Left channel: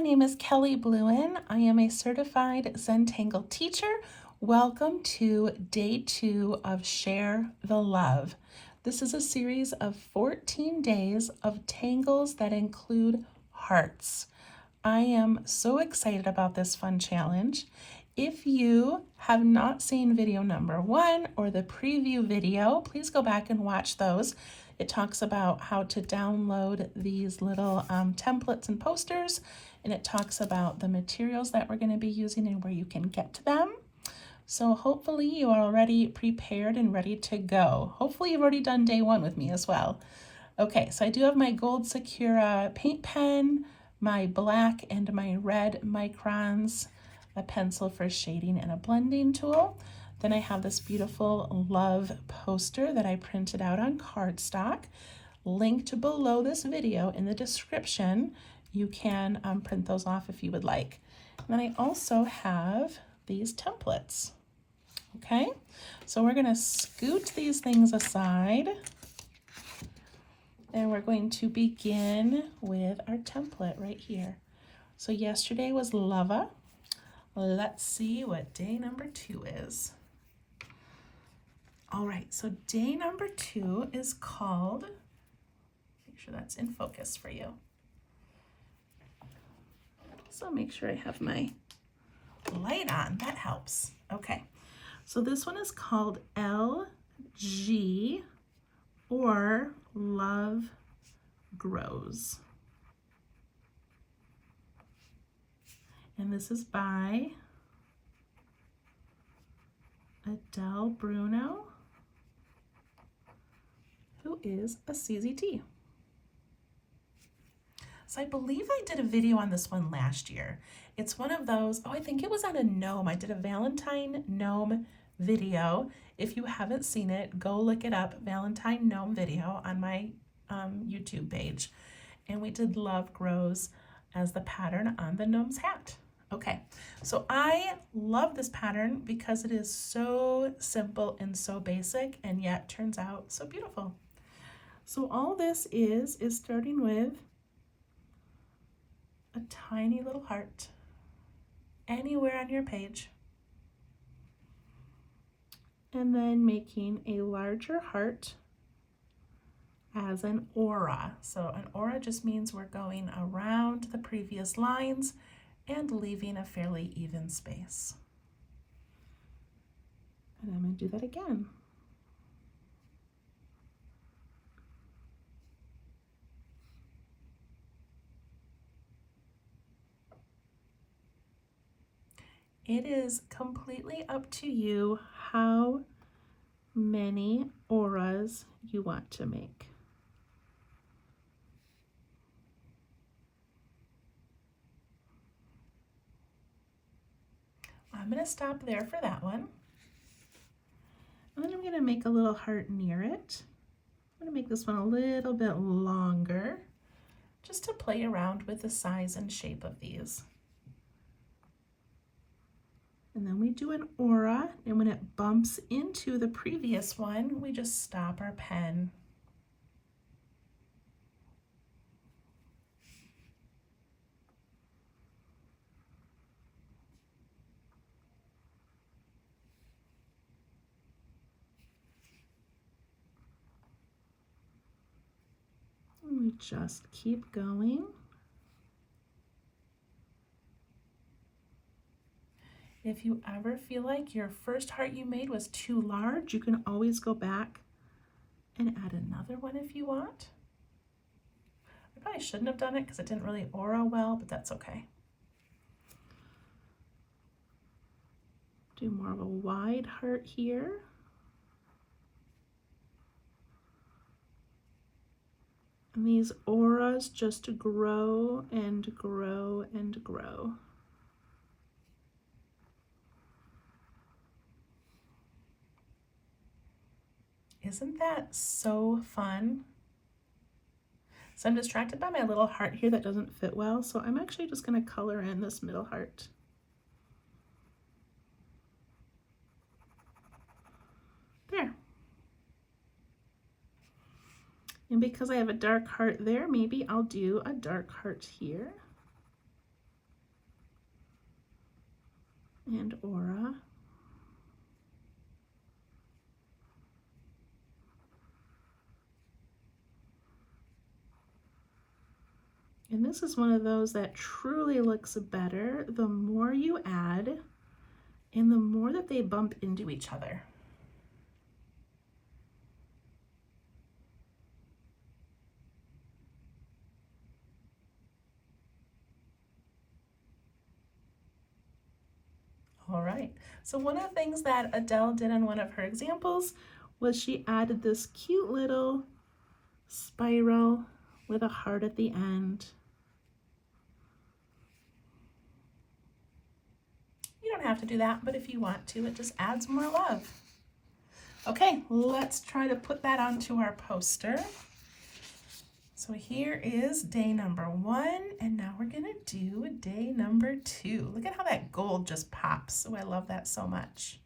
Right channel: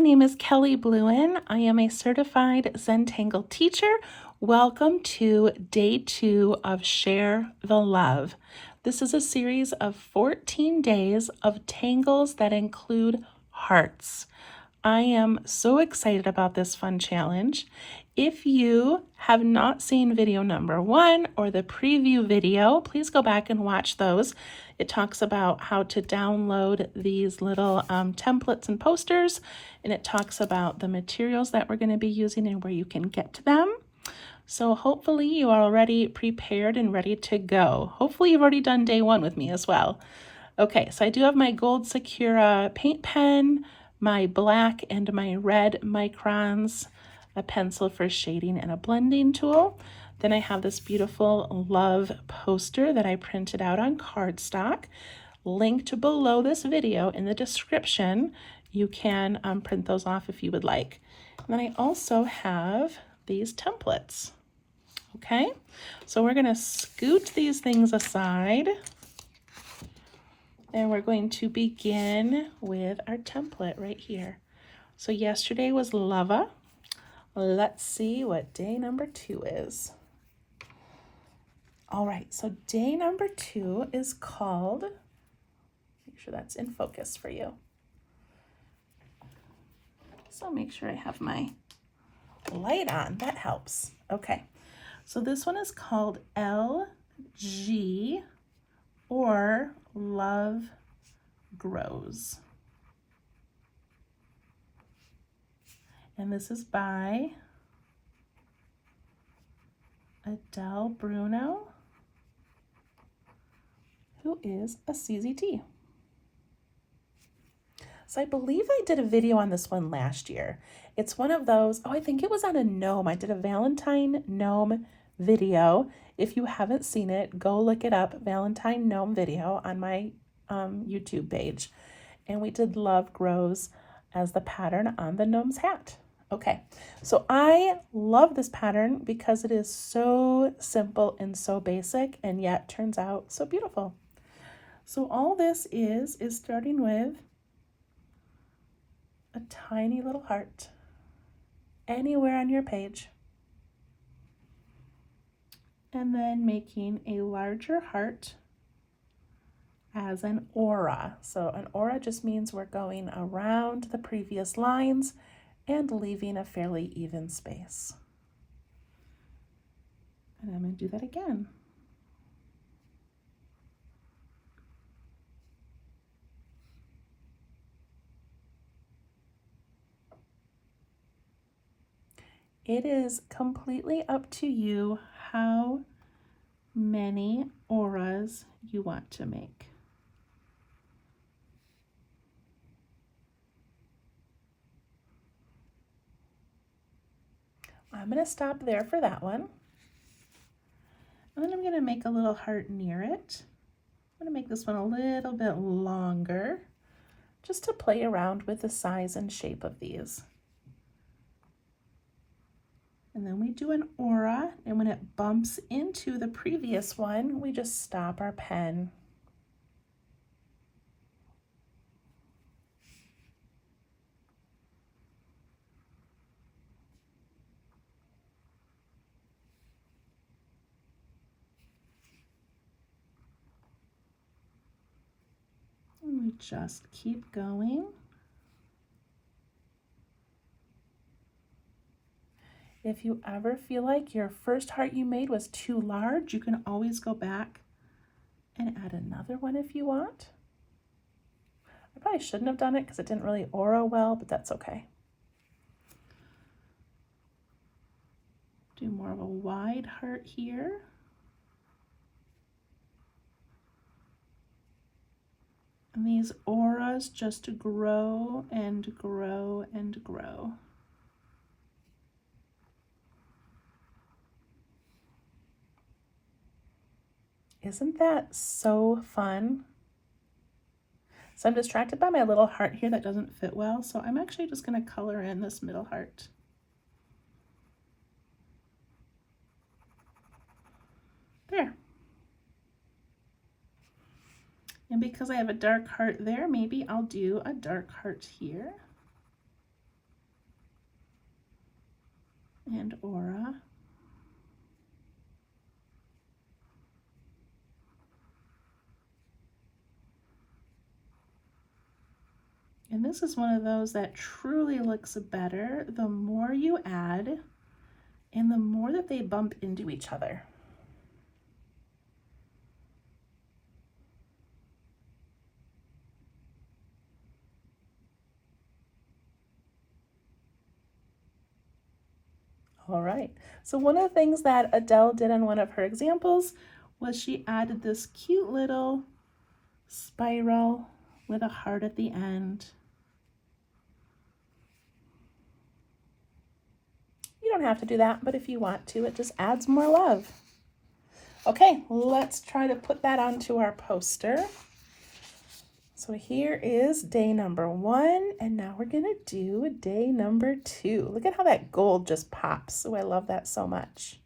my name is Kelly Bluen. I am a certified Zentangle teacher. Welcome to day 2 of Share the Love. This is a series of 14 days of tangles that include hearts. I am so excited about this fun challenge. If you have not seen video number 1 or the preview video, please go back and watch those. It talks about how to download these little templates and posters, and it talks about the materials that we're going to be using and where you can get to them. So hopefully you are already prepared and ready to go. Hopefully you've already done day 1 with me as well. Okay, so I do have my gold Sakura paint pen, my black and my red microns, a pencil for shading, and a blending tool. Then I have this beautiful love poster that I printed out on cardstock. Linked below this video in the description. You can print those off if you would like. And then I also have these templates. Okay, so we're going to scoot these things aside. And we're going to begin with our template right here. So yesterday was Lava. Let's see what day number 2 is. All right, so day number 2 is called, make sure that's in focus for you. So make sure I have my light on, that helps. Okay, so this one is called LG, or Love Grows. And this is by Adele Bruno, who is a CZT. So I believe I did a video on this one last year. It's one of those, I think it was on a gnome. I did a Valentine gnome video. If you haven't seen it, go look it up, Valentine gnome video on my YouTube page. And we did Love Grows as the pattern on the gnome's hat. Okay, so I love this pattern because it is so simple and so basic, and yet turns out so beautiful. So all this is starting with a tiny little heart anywhere on your page, and then making a larger heart as an aura. So an aura just means we're going around the previous lines and leaving a fairly even space. And I'm going to do that again. It is completely up to you how many auras you want to make. I'm going to stop there for that one. And then I'm going to make a little heart near it. I'm going to make this one a little bit longer, just to play around with the size and shape of these. And then we do an aura, and when it bumps into the previous one, we just stop our pen. And we just keep going. If you ever feel like your first heart you made was too large, you can always go back and add another one if you want. I probably shouldn't have done it because it didn't really aura well, but that's okay. Do more of a wide heart here. And these auras just grow and grow and grow. Isn't that so fun? So I'm distracted by my little heart here that doesn't fit well, so I'm actually just going to color in this middle heart. There. And because I have a dark heart there, maybe I'll do a dark heart here. and aura. And this is one of those that truly looks better the more you add and the more that they bump into each other. All right, so one of the things that Adele did on one of her examples was she added this cute little spiral with a heart at the end. You don't have to do that, but if you want to, it just adds more love. Okay, let's try to put that onto our poster. So here is day number 1, and now we're gonna do day number 2. Look at how that gold just pops. Oh, I love that so much.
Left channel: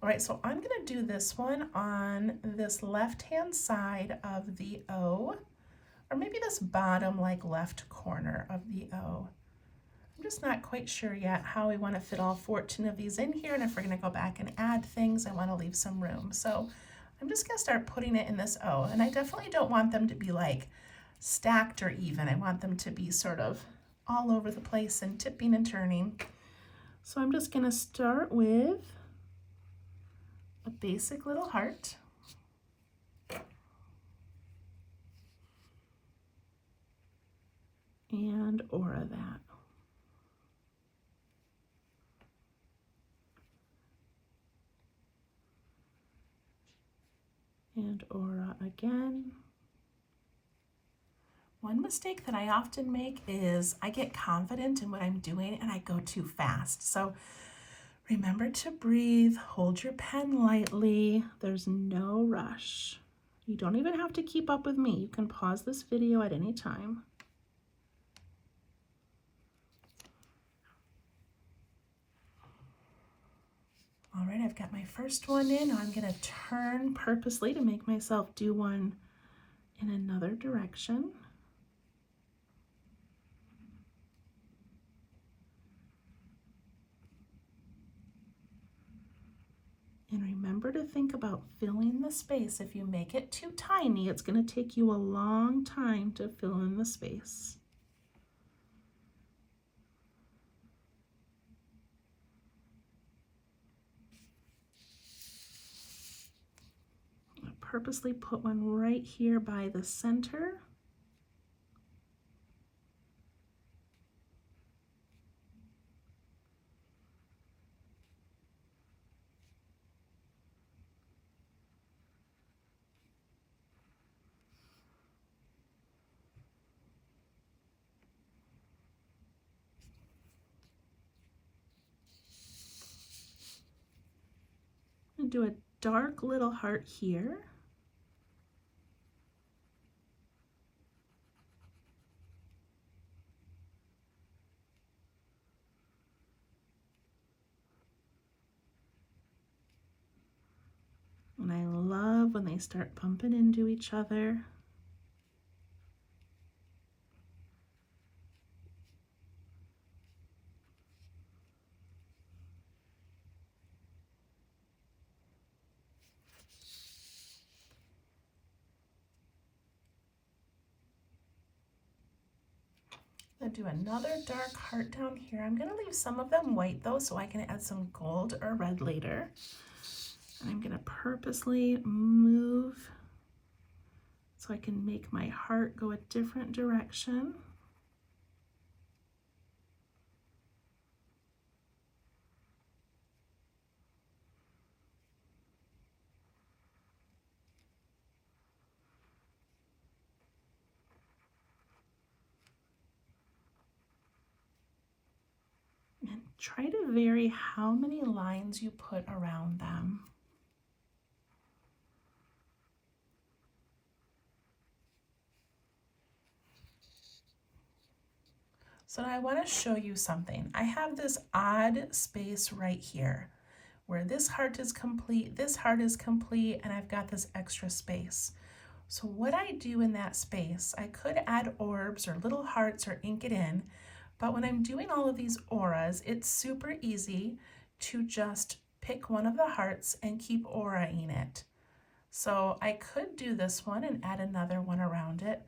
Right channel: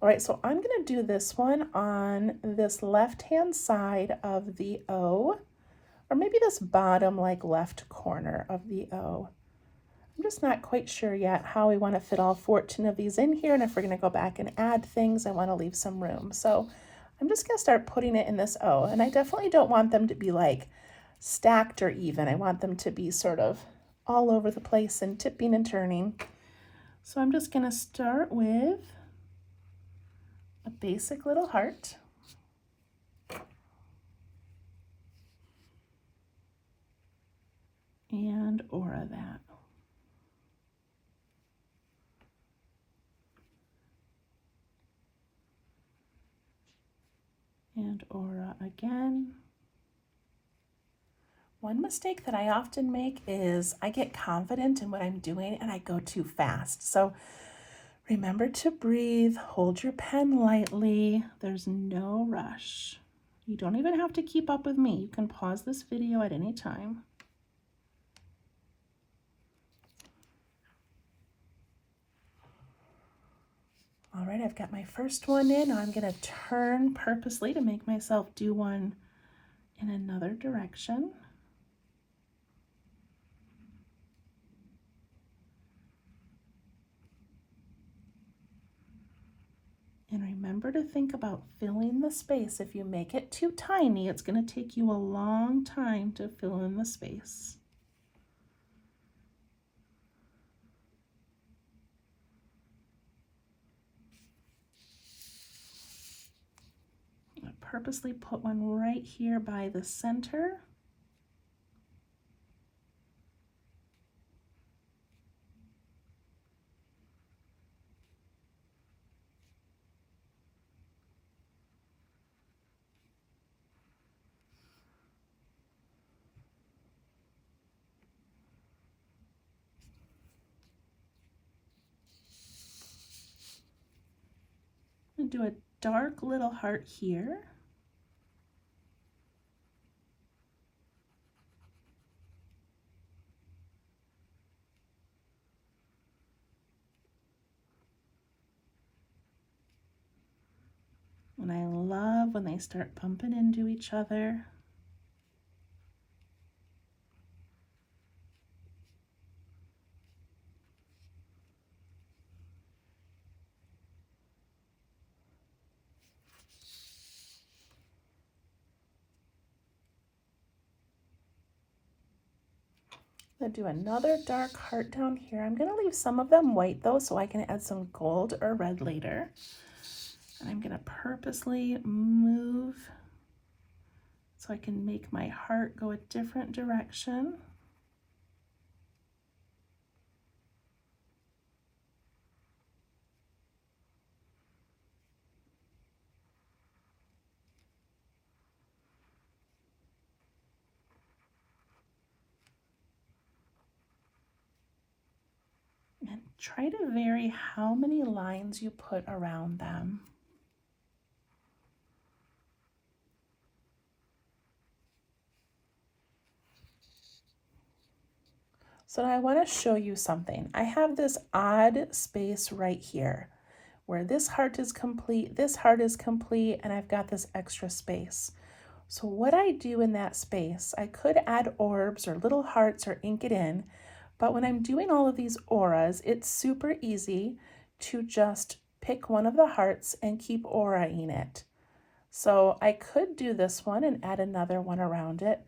All right, so I'm gonna do this one on this left-hand side of the O, or maybe this bottom like left corner of the O. I'm just not quite sure yet how we want to fit all 14 of these in here, and if we're going to go back and add things, I want to leave some room. So I'm just going to start putting it in this O, and I definitely don't want them to be like stacked or even. I want them to be sort of all over the place and tipping and turning. So I'm just going to start with a basic little heart. And aura that. And aura again. One mistake that I often make is I get confident in what I'm doing and I go too fast. So remember to breathe, hold your pen lightly. There's no rush. You don't even have to keep up with me. You can pause this video at any time. All right, I've got my first one in. Now I'm going to turn purposely to make myself do one in another direction. And remember to think about filling the space. If you make it too tiny, it's going to take you a long time to fill in the space. I purposely put one right here by the center. And do a dark little heart here. And I love when they start bumping into each other. I'm going to do another dark heart down here. I'm going to leave some of them white though, so I can add some gold or red later. And I'm going to purposely move so I can make my heart go a different direction. And try to vary how many lines you put around them. So I want to show you something. I have this odd space right here where this heart is complete, and I've got this extra space. So what I do in that space, I could add orbs or little hearts or ink it in, but when I'm doing all of these auras, it's super easy to just pick one of the hearts and keep auraing it. So I could do this one and add another one around it,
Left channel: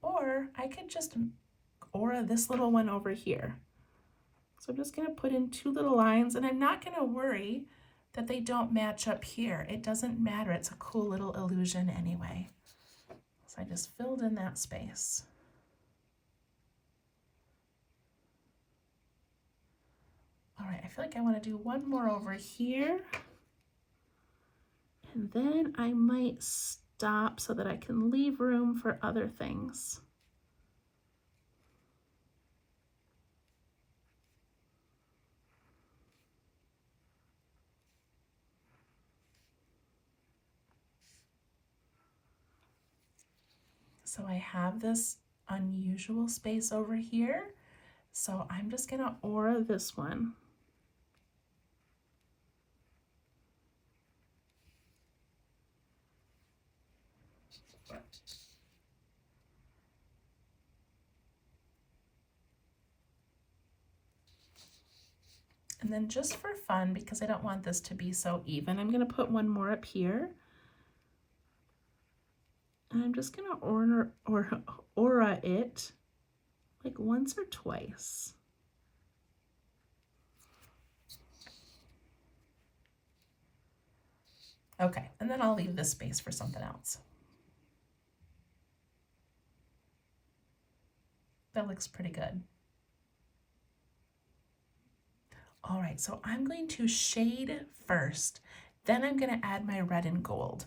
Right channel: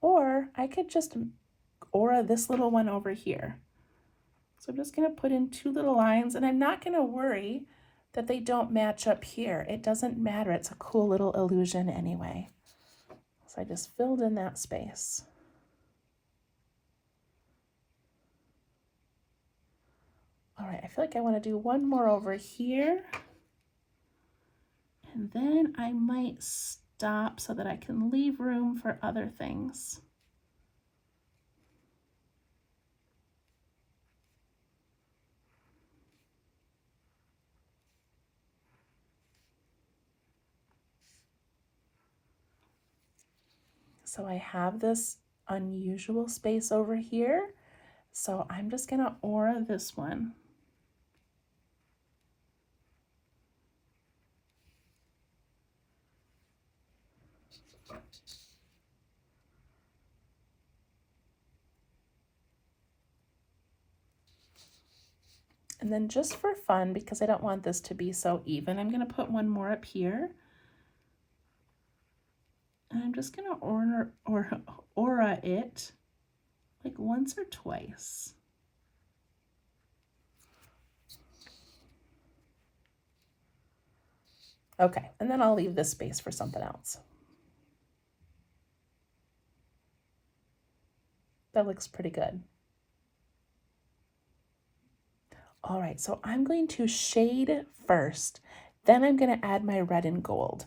or I could just aura this little one over here. So I'm just going to put in 2 little lines, and I'm not going to worry that they don't match up here. It doesn't matter. It's a cool little illusion anyway. So I just filled in that space. All right, I feel like I want to do one more over here. And then I might stop so that I can leave room for other things. So I have this unusual space over here. So I'm just gonna aura this one. And then just for fun, because I don't want this to be so even, I'm gonna put one more up here. And I'm just gonna aura it like once or twice. Okay, and then I'll leave this space for something else. That looks pretty good. All right, so I'm going to shade first, then I'm going to add my red and gold.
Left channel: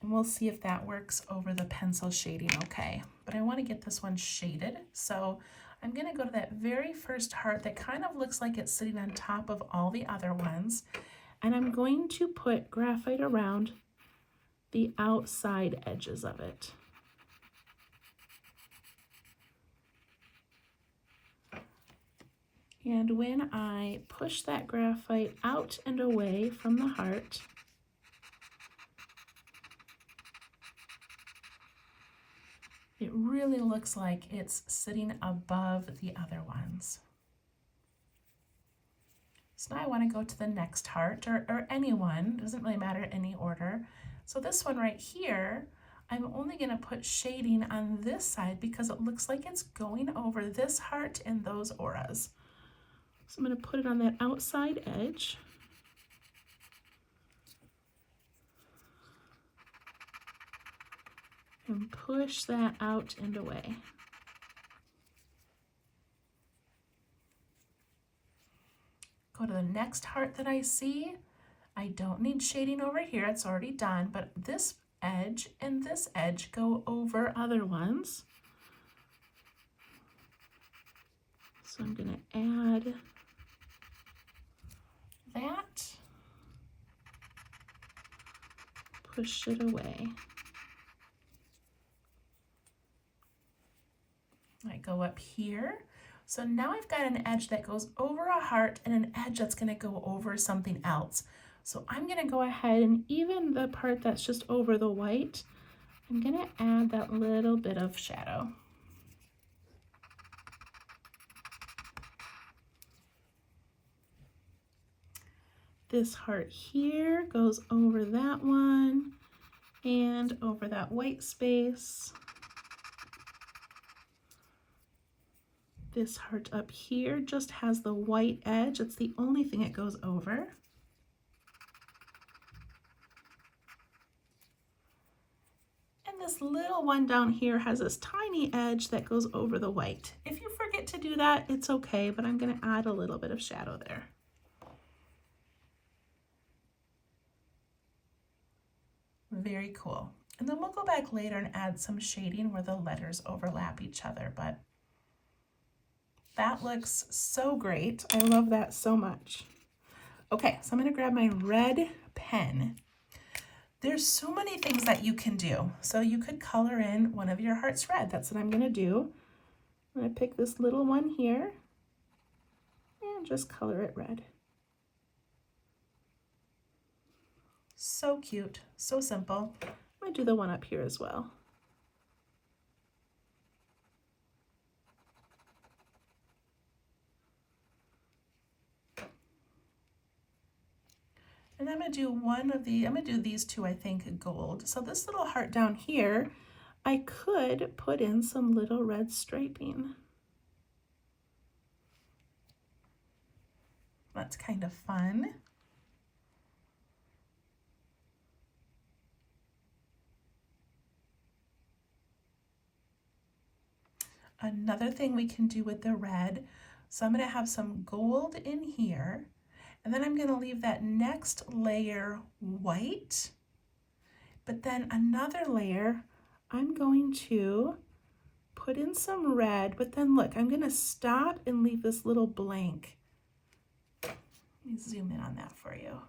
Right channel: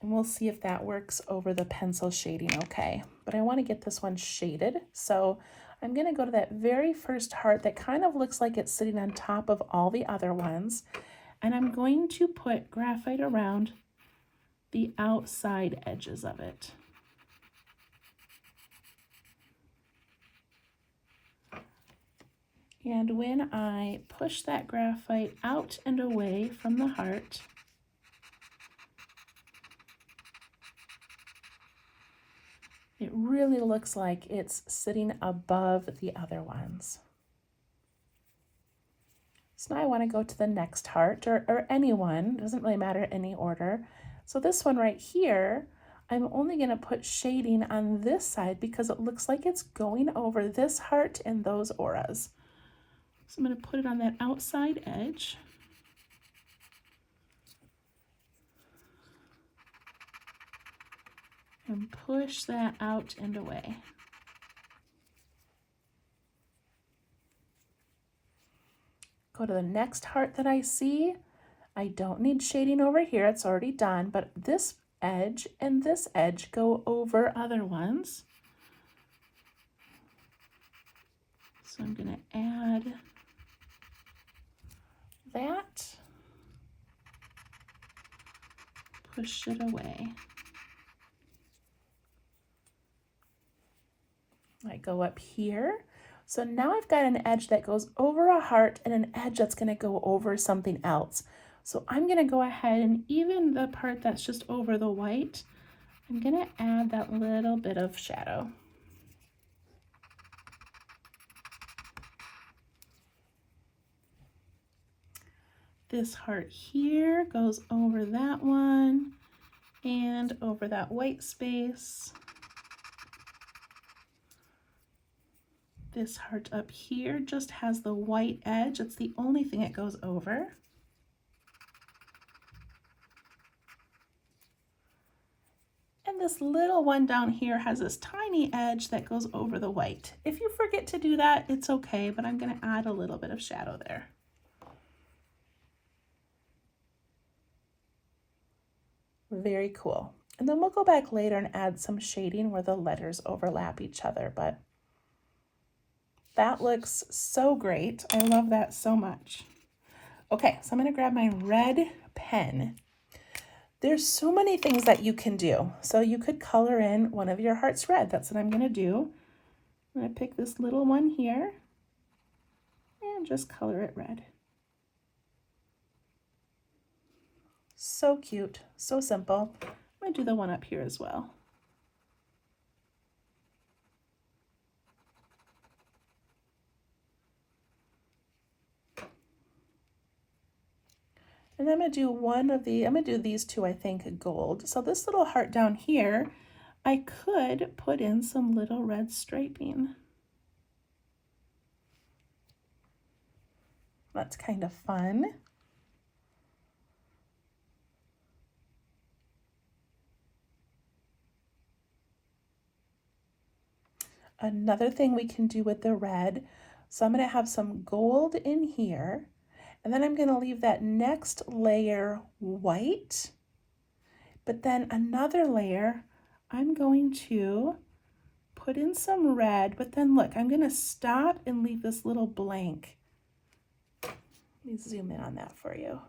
And we'll see if that works over the pencil shading okay. But I want to get this one shaded, so I'm going to go to that very first heart that kind of looks like it's sitting on top of all the other ones, and I'm going to put graphite around the outside edges of it. And when I push that graphite out and away from the heart, it really looks like it's sitting above the other ones. So now I want to go to the next heart, or any one, doesn't really matter any order. So this one right here, I'm only going to put shading on this side because it looks like it's going over this heart and those auras. So I'm going to put it on that outside edge. And push that out and away. Go to the next heart that I see. I don't need shading over here, it's already done, but this edge and this edge go over other ones. So I'm going to add that, push it away. I go up here. So now I've got an edge that goes over a heart and an edge that's going to go over something else. So I'm going to go ahead and even the part that's just over the white, I'm going to add that little bit of shadow. This heart here goes over that one and over that white space. This heart up here just has the white edge. It's the only thing it goes over. And this little one down here has this tiny edge that goes over the white. If you forget to do that, it's okay, but I'm going to add a little bit of shadow there. Very cool. And then we'll go back later and add some shading where the letters overlap each other, but that looks so great. I love that so much. Okay, so I'm going to grab my red pen. There's so many things that you can do. So you could color in one of your hearts red. That's what I'm going to do. I'm going to pick this little one here and just color it red. So cute, so simple. I'm gonna do the one up here as well. And I'm gonna do I'm gonna do these two, I think, gold. So this little heart down here, I could put in some little red striping. That's kind of fun. Another thing we can do with the red, so I'm going to have some gold in here, and then I'm going to leave that next layer white, but then another layer I'm going to put in some red, but then look, I'm going to stop and leave this little blank. Let me zoom in on that for you.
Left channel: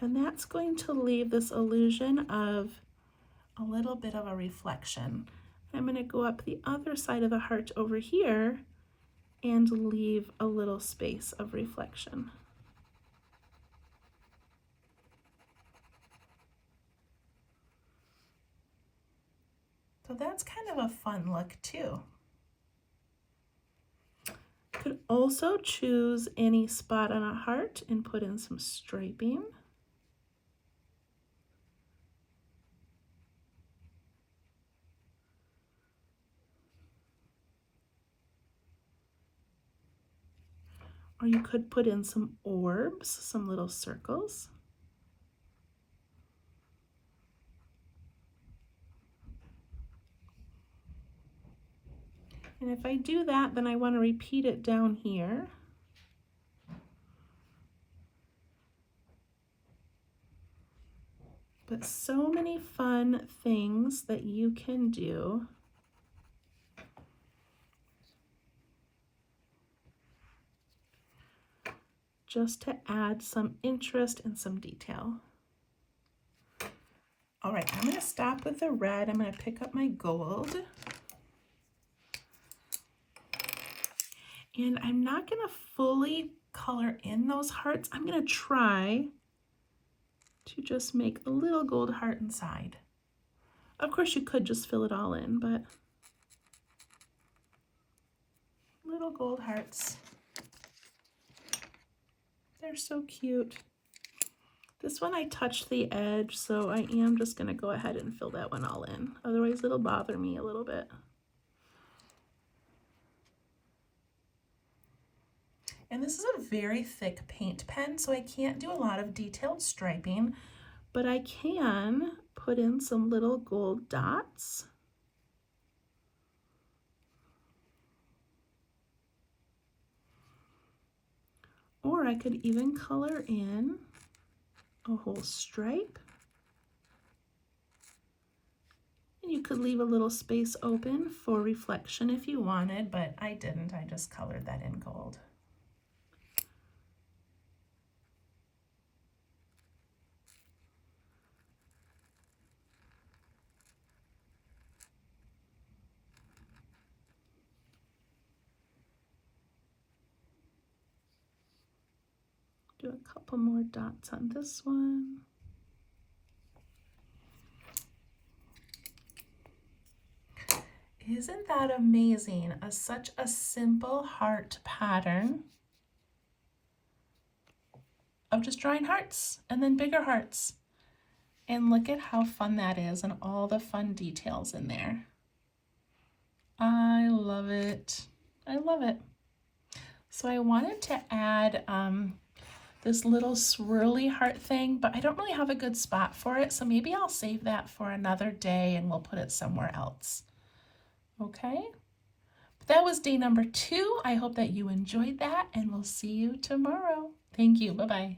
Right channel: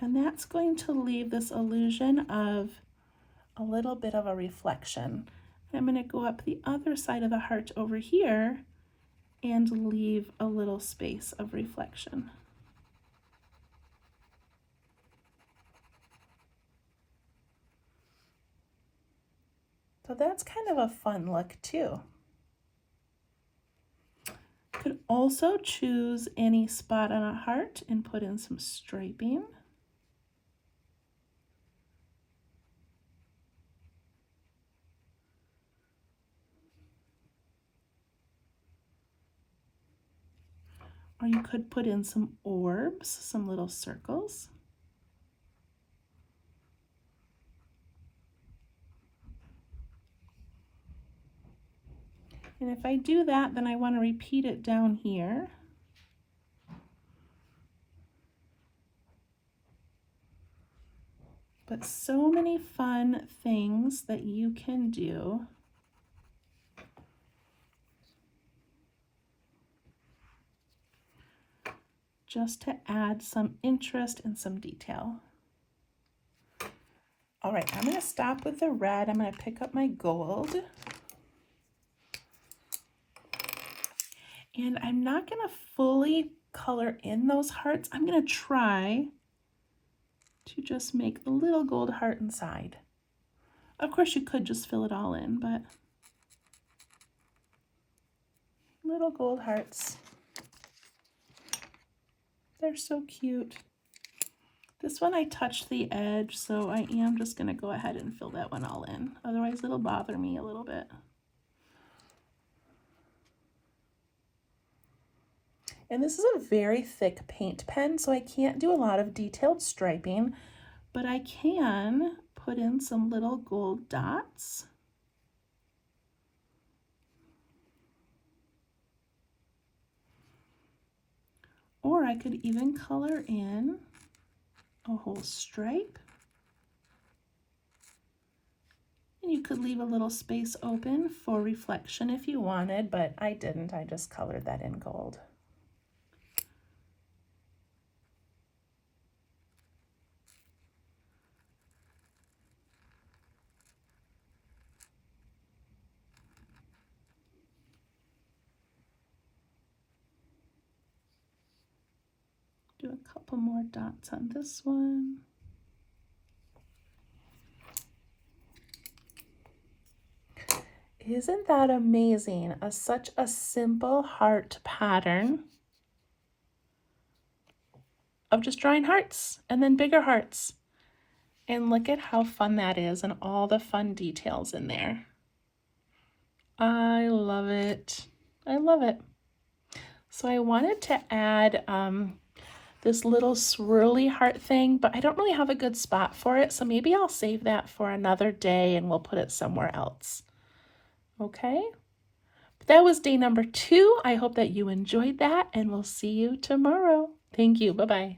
And that's going to leave this illusion of a little bit of a reflection. I'm going to go up the other side of the heart over here and leave a little space of reflection. So that's kind of a fun look too. Could also choose any spot on a heart and put in some striping. Or you could put in some orbs, some little circles. And if I do that, then I want to repeat it down here. But so many fun things that you can do. Just to add some interest and some detail. All right, I'm going to stop with the red. I'm going to pick up my gold. And I'm not going to fully color in those hearts. I'm going to try to just make a little gold heart inside. Of course, you could just fill it all in, but little gold hearts. They're so cute. This one I touched the edge, so I am just going to go ahead and fill that one all in. Otherwise, it'll bother me a little bit. And this is a very thick paint pen, so I can't do a lot of detailed striping, but I can put in some little gold dots. Or I could even color in a whole stripe. And you could leave a little space open for reflection if you wanted, but I didn't. I just colored that in gold. Do a couple more dots on this one. Isn't that amazing? Such a simple heart pattern of just drawing hearts and then bigger hearts. And look at how fun that is and all the fun details in there. I love it. I love it. So I wanted to add this little swirly heart thing, but I don't really have a good spot for it. So maybe I'll save that for another day and we'll put it somewhere else. Okay. That was day number 2. I hope that you enjoyed that and we'll see you tomorrow. Thank you. Bye-bye.